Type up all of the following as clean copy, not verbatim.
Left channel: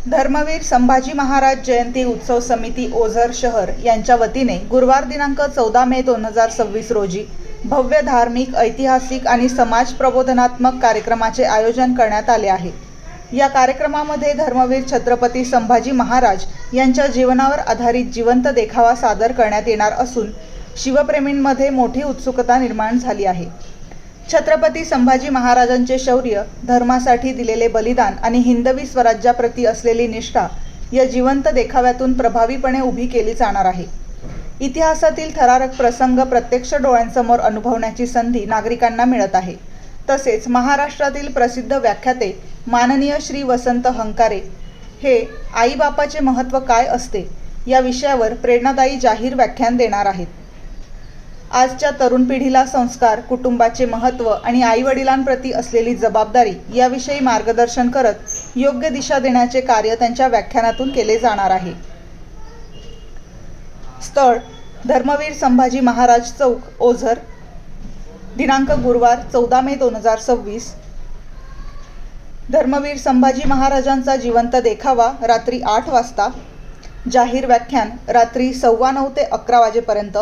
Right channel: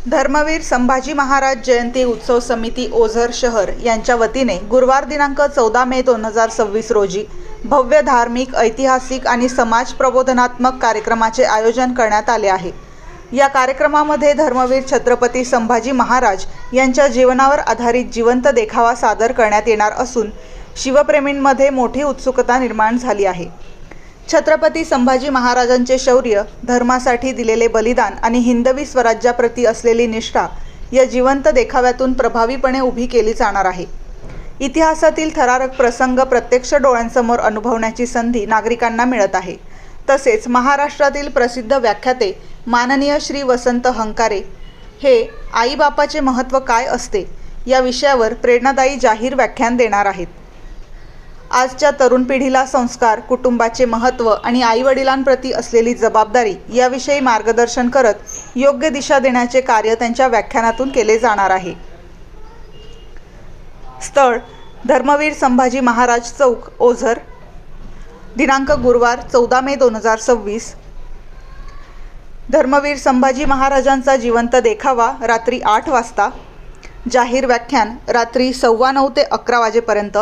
धर्मवीर संभाजी महाराज जयंती उत्सव समिती ओझर शहर यांच्या वतीने गुरुवार दिनांक 14 मे 2026 रोजी भव्य धार्मिक, ऐतिहासिक आणि समाज प्रबोधनात्मक कार्यक्रमाचे आयोजन करण्यात आले आहे। या कार्यक्रमामध्ये धर्मवीर छत्रपती संभाजी महाराज यांच्या जीवनावर आधारित जिवंत देखावा सादर करण्यात येणार असून शिवप्रेमींमध्ये मोठी उत्सुकता निर्माण झाली आहे। छत्रपती संभाजी महाराजांचे शौर्य, धर्मासाठी दिलेले बलिदान आणि हिंदवी स्वराज्याप्रती असलेली निष्ठा या जिवंत देखाव्यातून प्रभावीपणे उभी केली जाणार आहे। इतिहासातील थरारक प्रसंग प्रत्यक्ष डोळ्यांसमोर अनुभवण्याची संधी नागरिकांना मिळत आहे। तसेच महाराष्ट्रातील प्रसिद्ध व्याख्याते माननीय श्री वसंत हंकारे हे आईबापाचे महत्त्व काय असते या विषयावर प्रेरणादायी जाहीर व्याख्यान देणार आहेत। आजच्या तरुण पिढीला संस्कार, कुटुंबाचे महत्त्व आणि आईवडिलांप्रती असलेली जबाबदारी याविषयी मार्गदर्शन करत योग्य दिशा देण्याचे कार्य त्यांच्या व्याख्यानातून केले जाणार आहे। स्थळ: धर्मवीर संभाजी महाराज चौक, ओझर। दिनांक: गुरुवार 14 मे 2026। धर्मवीर संभाजी महाराजांचा जिवंत देखावा रात्री 8 वाजता। जाहीर व्याख्यान रात्री 9:15 ते 11 वाजेपर्यंत।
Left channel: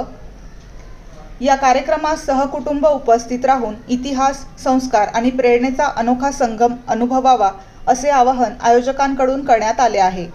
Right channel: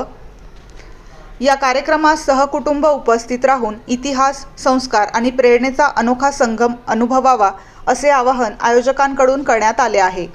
या कार्यक्रमात सहकुटुंब उपस्थित राहून इतिहास, संस्कार आणि प्रेरणेचा अनोखा संगम अनुभवावा असे आवाहन आयोजकांकडून करण्यात आले आहे।